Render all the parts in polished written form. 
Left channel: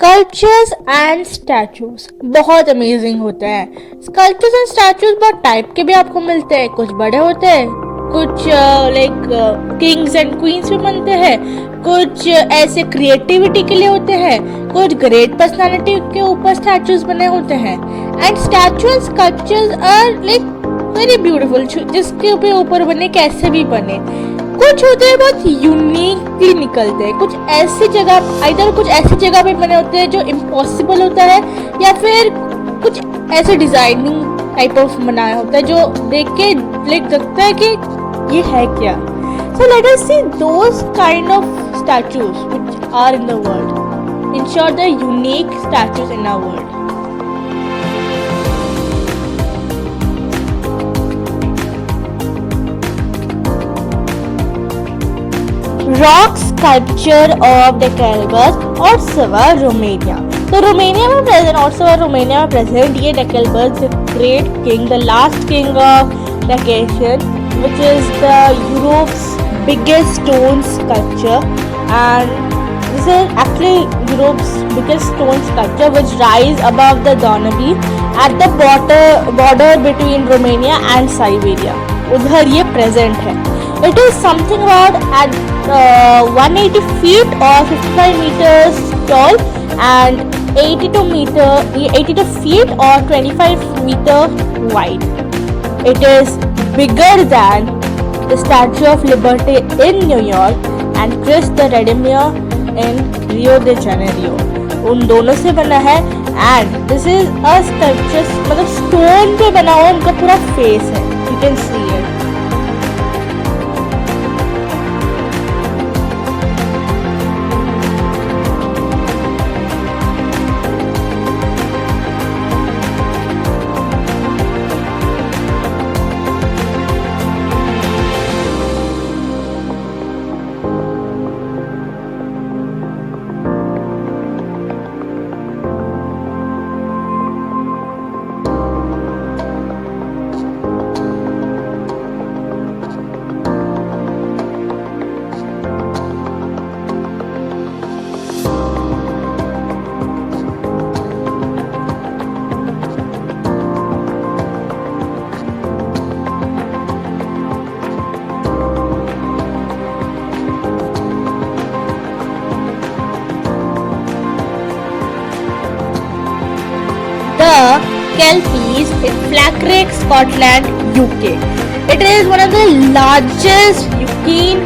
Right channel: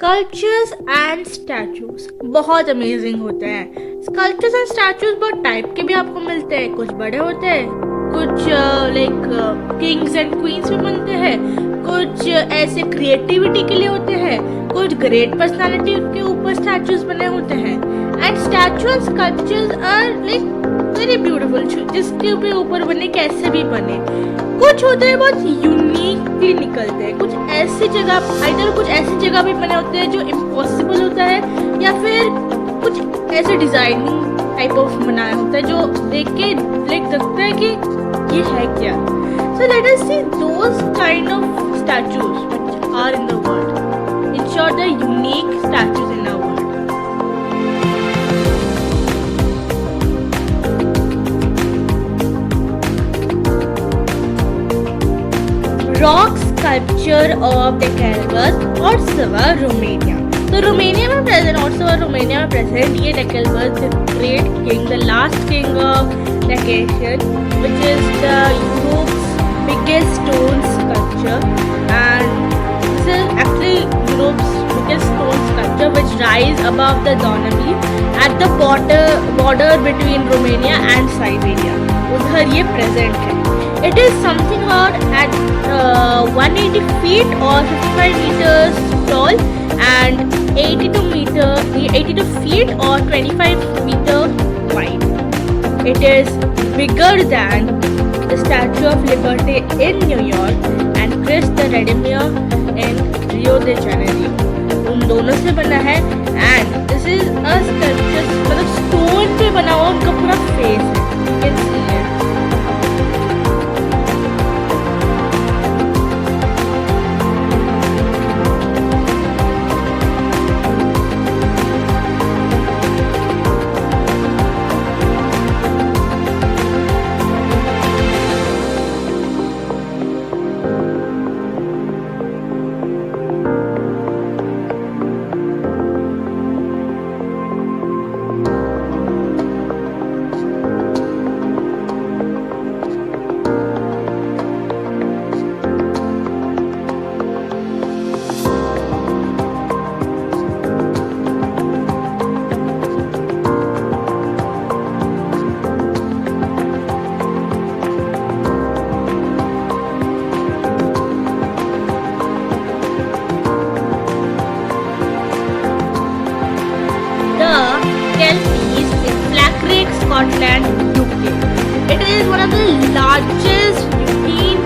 Sculptures and statues बहुत amazing होते हैं। स्कल्पचर्स एंड स्टैचूज बहुत टाइप के भी आपको मिलते हैं। कुछ बड़े होते हैं, कुछ लाइक किंग्स एंड क्वींस में बनते हैं, कुछ ऐसे क्रिएटिविटी के लिए होते हैं, कुछ ग्रेट पर्सनालिटी के ऊपर स्टैचूज बने होते हैं। And statue and sculptures are like very beautiful, जिसके ऊपर बने कैसे भी बने। कुछ होते हैं बहुत यूनिकली निकलते हैं, कुछ ऐसी जगह आइदर कुछ ऐसी जगह पे बने होते हैं जो इम्पॉसिबल होता है, या फिर कुछ ऐसे डिजाइनिंग टाइप ऑफ बनाया होता है जो देख के लाइक लगता है कि ये है क्या। So let us see those kind of statues which are in the world, in short the unique statues in our world. Rock sculpture of डेकेलबस ऑर्सवा रोमेनिया। तो रोमेनिया में प्रेजेंट, ऑर्सवा रोमेनिया में प्रेजेंट ये डेकेलबस the great king, the last king of Dacians, which is the Europe's biggest stone sculpture, and this is actually Europe's biggest stone sculpture which rise above the Danube at the border between Romania and Siberia. उधर ये present है। It is something about at 180 feet or 55 meters tall and 82 feet or 25 meter wide. It is bigger than the Statue of Liberty in New York and Christ the Redeemer in Rio de Janeiro. उन दोनों से बना है and this is a sculpture, मतलब stone पे बना हुआ उनका पूरा फेस है, you can see it. Kelpies in Flackrick, Scotland, UK. It is one of the largest European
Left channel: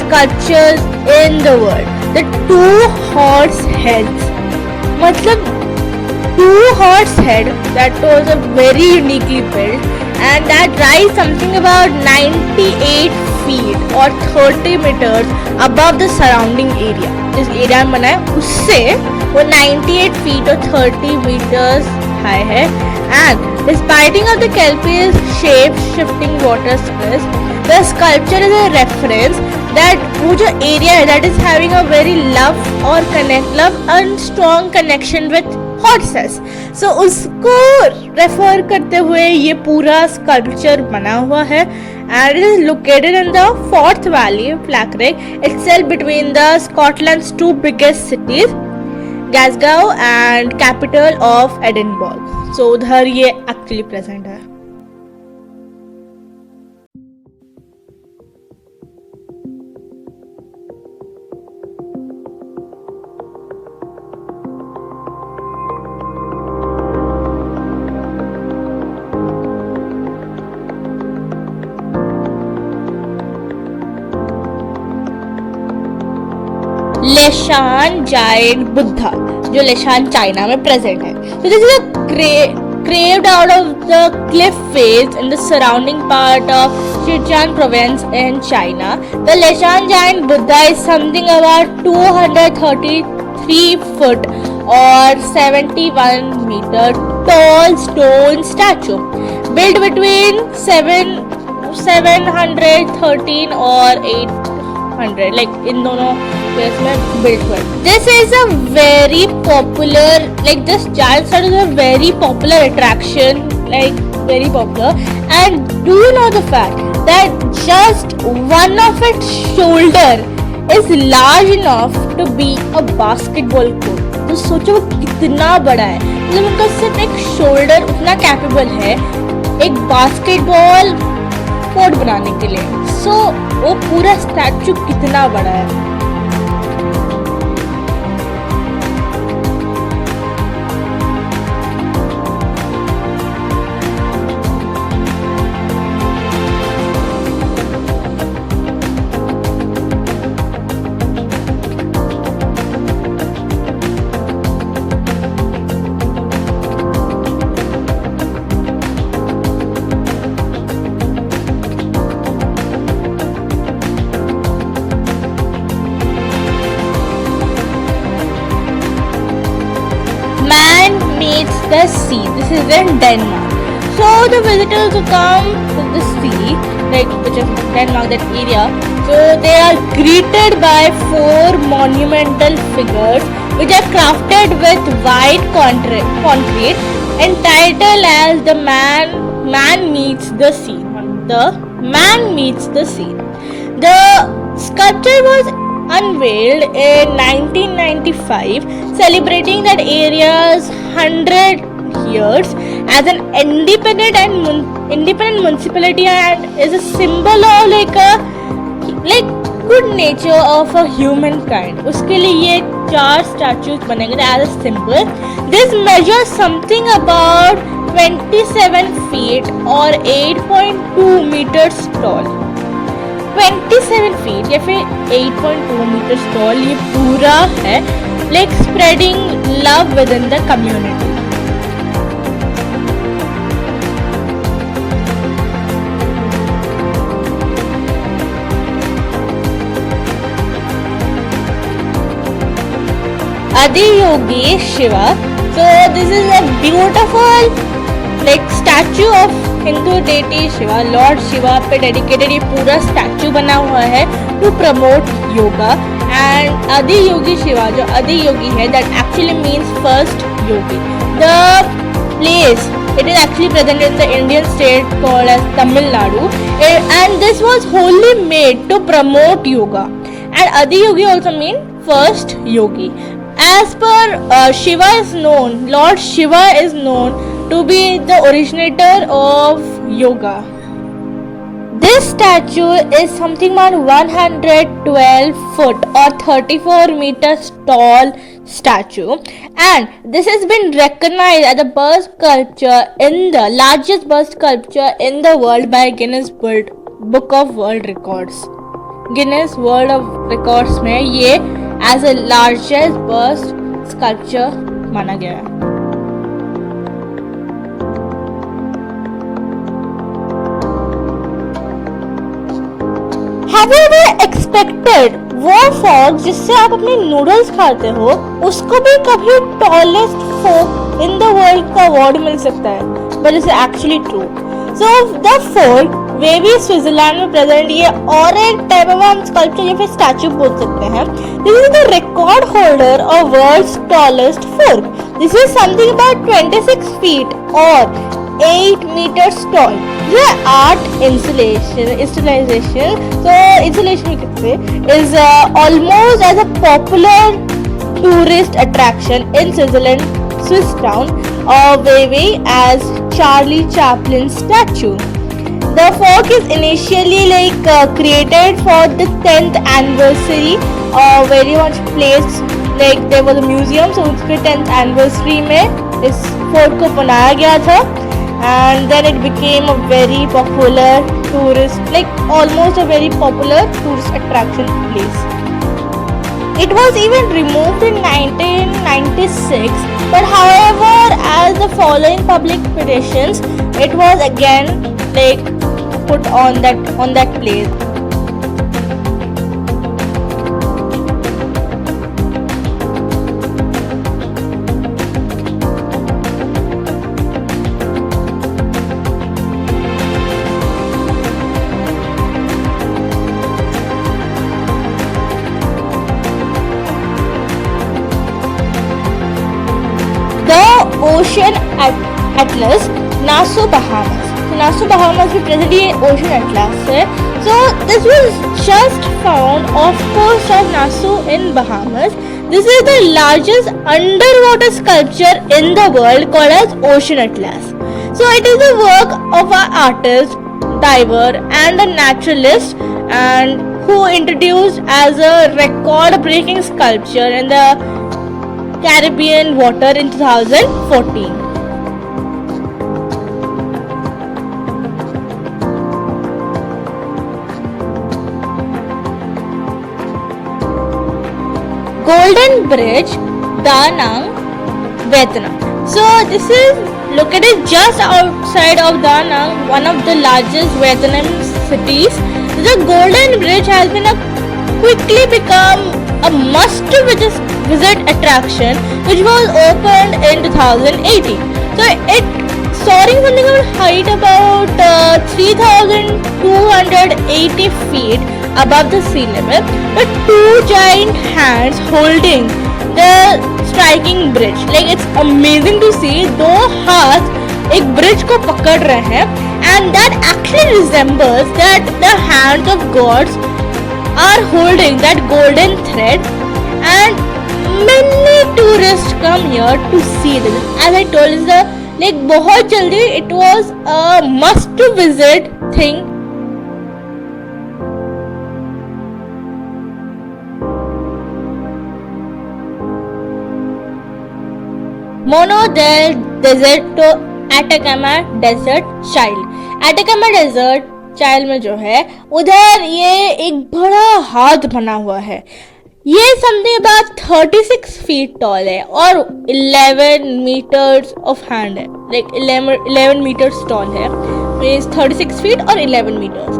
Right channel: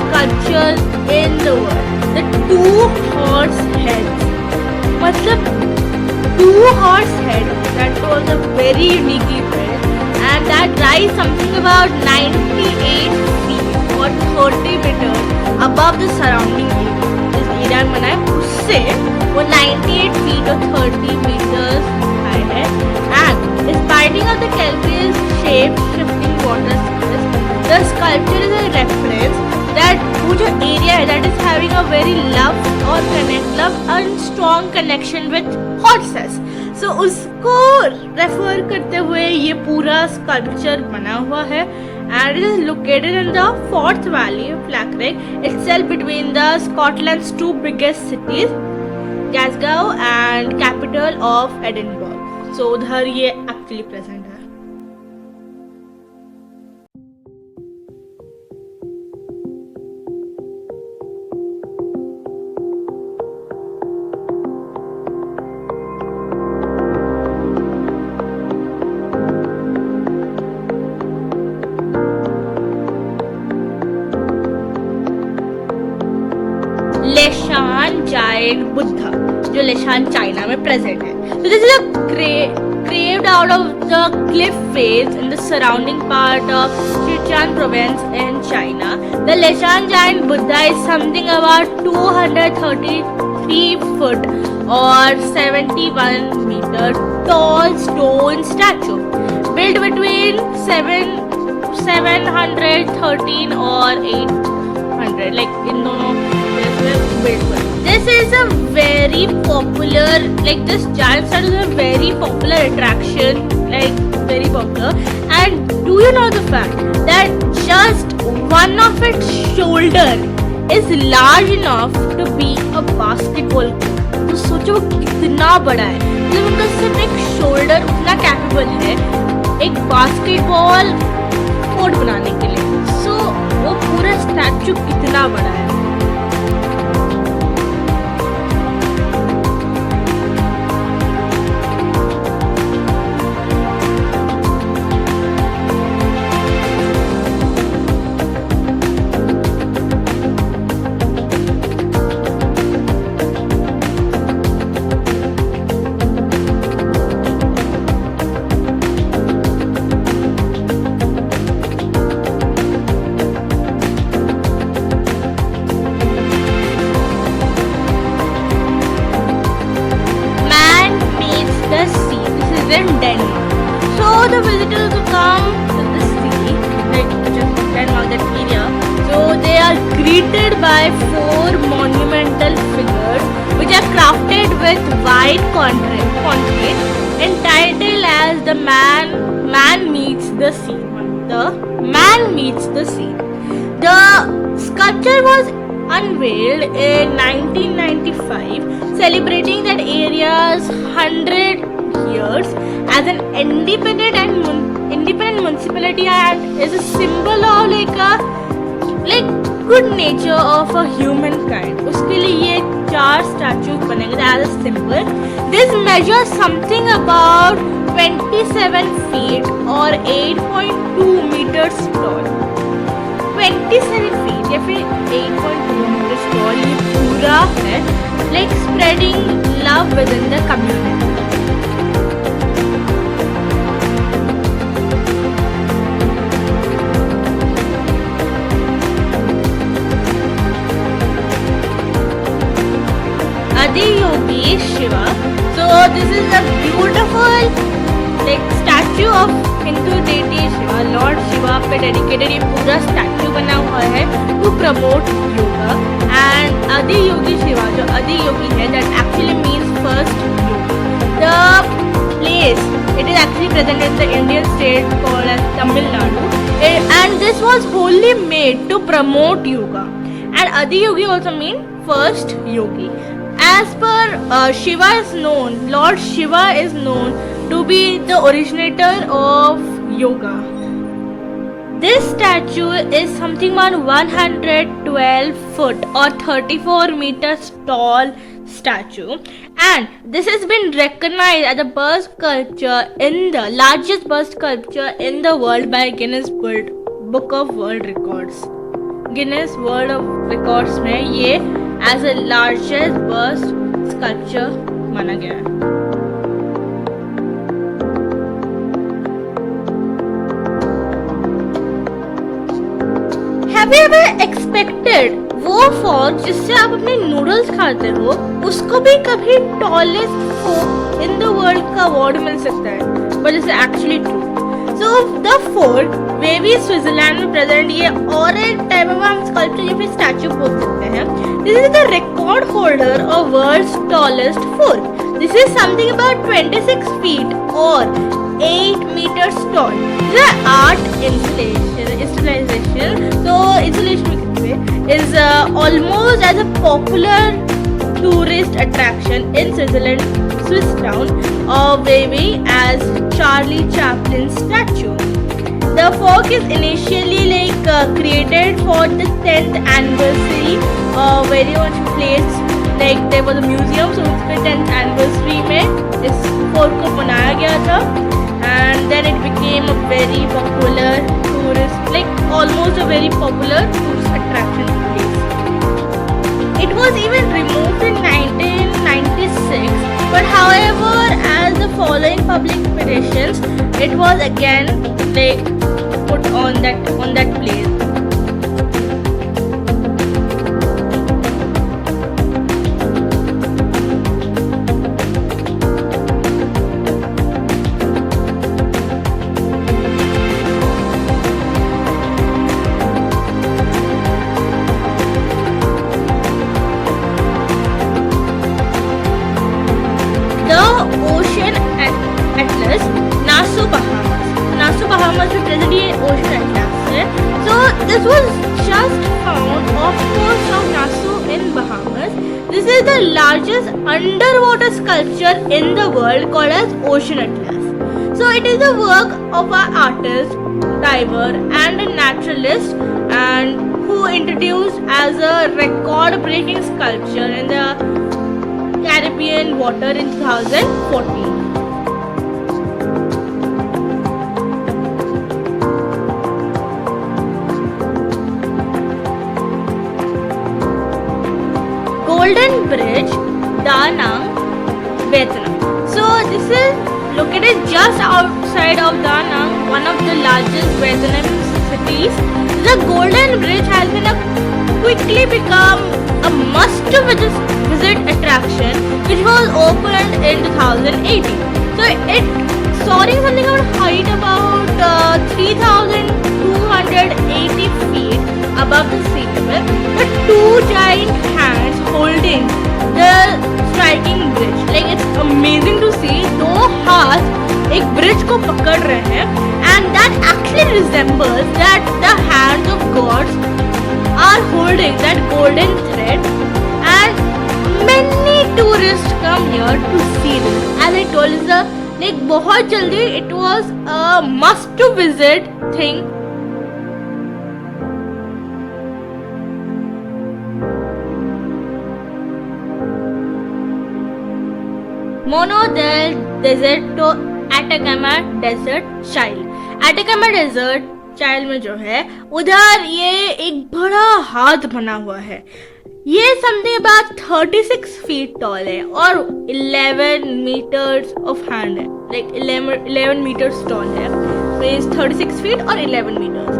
sculptures in the world. The two horse heads, मतलब two horse head that was a very uniquely built, and that rise something about 98 feet or 30 meters above the surrounding area. जिस area में बना है उससे वो 98 feet or 30 meters high है, and despite of the kelpie's shape-shifting water space, the sculpture is a reference that वो जो area है that is having a very love and strong connection with horses. So उसको refer करते हुए ये पूरा sculpture बना हुआ है, and it is located in the Forth Valley, Flackrick, itself between the Scotland's two biggest cities, Glasgow and capital of Edinburgh. So उधर ये एक्चुअली प्रेजेंट है। लेशान जायंट बुद्धा जो लेशान चाइना में प्रेजेंट है। So this is a carved out of the cliff face in the surrounding part of Sichuan province in China. The Leshan giant Buddha is something about 233 foot or 71 meter tall stone statue built between 713 or 800, like in दोनों case में built हुआ। This is a very popular, like this giant statue is a very popular attraction, like very popular. And do you know the fact that just one of its shoulder is large enough to be a basketball court? तो सोचो वो कितना बड़ा है, मतलब उनका सिर्फ एक शोल्डर उतना कैपेबल है एक बास्केटबॉल कोर्ट बनाने के लिए। सो वो पूरा स्टैचू कितना बड़ा है। The sea. This is in Denmark. So the visitors who come to the sea, like which is Denmark, that area, so they are greeted by 4 monumental figures which are crafted with white concrete entitled as the man meets the sea. The man meets the sea. The sculpture was unveiled in 1995, celebrating that area's 100 years as an independent municipality, and is a symbol of like good nature of a humankind. उसके लिए ये 4 statues बनेंगे as a symbol. This measures something about 27 feet or 8.2 meters tall. 27 feet या फिर 8.2 meters tall ये पूरा है, like spreading love within the community. Adiyogi Shiva. So this is a beautiful like statue of Hindu deity Shiva, Lord Shiva पे dedicated ये पूरा statue बना हुआ है to promote yoga. And Adiyogi Shiva, जो Adiyogi है, that actually means first yogi. The place, it is actually present in the Indian state called as Tamil Nadu, and this was wholly made to promote yoga. And Adiyogi also means first yogi. As per Shiva is known, Lord Shiva is known to be the originator of yoga. This statue is something around 112 foot or 34 meters tall statue, and this has been recognized as the bird sculpture in the largest bird sculpture in the world by Guinness Book of World Records. Guinness World of Records में ये as a largest bird sculpture माना गया है. Have you ever expected वो fork जिससे आप अपने noodles खाते हो उसको भी कभी tallest fork in the world का अवार्ड मिल सकता है? But it's actually true. So the fork वे भी स्विट्जरलैंड में प्रेजेंट ये और एक टाइप ऑफ हम स्कल्पचर या फिर स्टैचू बोल सकते हैं. This is the record holder of world's tallest fork. This is something about 26 feet और 8 meters tall. यह art installation is almost as a popular tourist attraction in Switzerland, Swiss town of Vevey as Charlie Chaplin's statue. The fork is initially created for the 10th anniversary, very much placed like there was a museum, so उसके 10th anniversary में इस fork को बनाया गया था. And then it became a very popular tourist, like almost a very popular tourist attraction place. It was even removed in 1996, but however, as the following public petitions, it was again like put on that place. Ocean Atlas, Nassau, Bahamas. So Nassau, Bahamas में present ये Ocean Atlas है. So this was just found, of course, at Nassau in Bahamas, This is the largest underwater sculpture in the world called as Ocean Atlas. So it is the work of an artist, diver and a naturalist and who introduced as a record-breaking sculpture in the Caribbean water in 2014. Golden Bridge, Da Nang, Vietnam. So this is located just outside of Da Nang, one of the largest Vietnamese cities. The Golden Bridge has been quickly become a must-visit attraction, which was opened in 2018. So it soaring something of height about 3,280 feet above the sea level, with two giant hands holding the striking bridge. Like it's amazing to see दो हाथ एक bridge को पकड़ रहे हैं, and that actually resembles that the hands of gods are holding that golden thread, and many tourists come here to see this. As I told you, like बहुत जल्दी it was a must to visit thing. Mono del Deserto Atacama Desert Child. Atacama Desert Child में जो है उधर ये एक बड़ा हाथ बना हुआ है. ये समथिंग अबाउट 36 फीट टॉल है और 11 मीटर्स ऑफ हैंड है. लाइक 11 मीटर्स टॉल है. इज 36 फीट और 11 मीटर्स.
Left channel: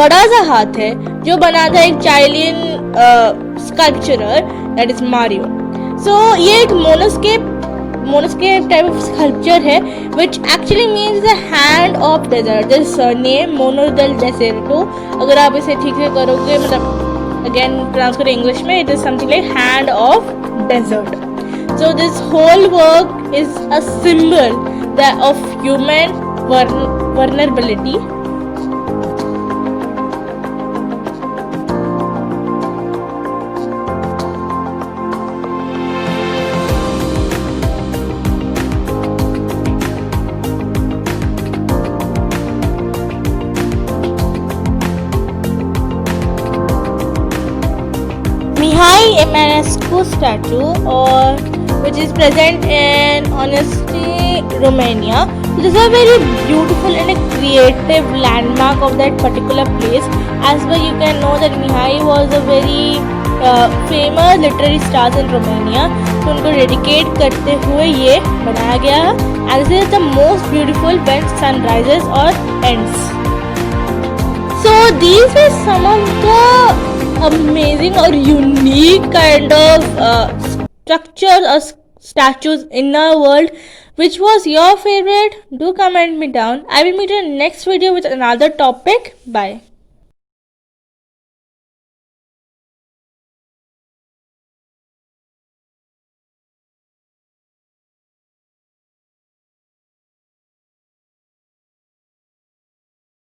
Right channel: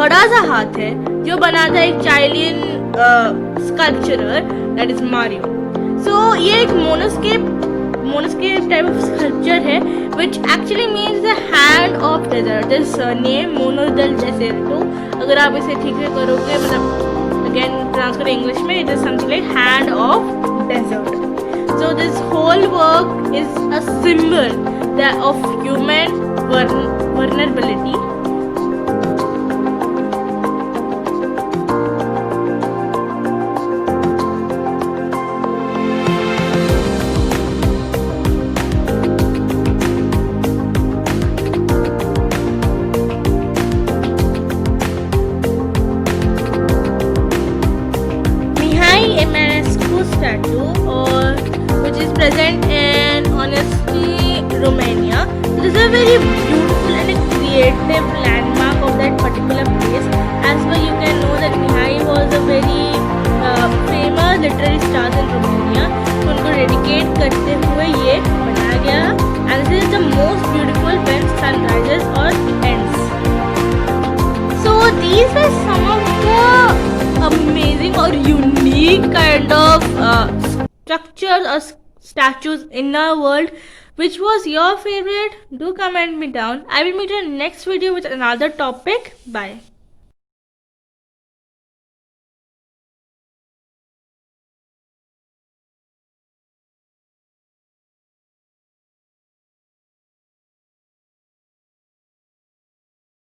बड़ा सा हाथ है जो बना था एक चाइलियन स्कल्पचरर दैट इज मारियो. सो ये एक मोनोस्केप टाइप ऑफ स्कल्पचर है which actually means the hand of desert. This name Mono del Deserto, अगर आप इसे ठीक से करोगे मतलब again pronounce करें इंग्लिश में, it is something like hand of desert. So this whole work is a symbol of human vulnerability. Emanescu statue, or which is present in Honesty, Romania. So this is a very beautiful and a creative landmark of that particular place. As well, you can know that Mihai was a very famous literary star in Romania. तो उनको dedicate करते हुए ये बनाया गया. And this is the most beautiful when sun rises or ends. So these are some of the amazing or unique kind of structures or statues in our world. Which was your favorite? Do comment me down. I will meet you in the next video with another topic. Bye.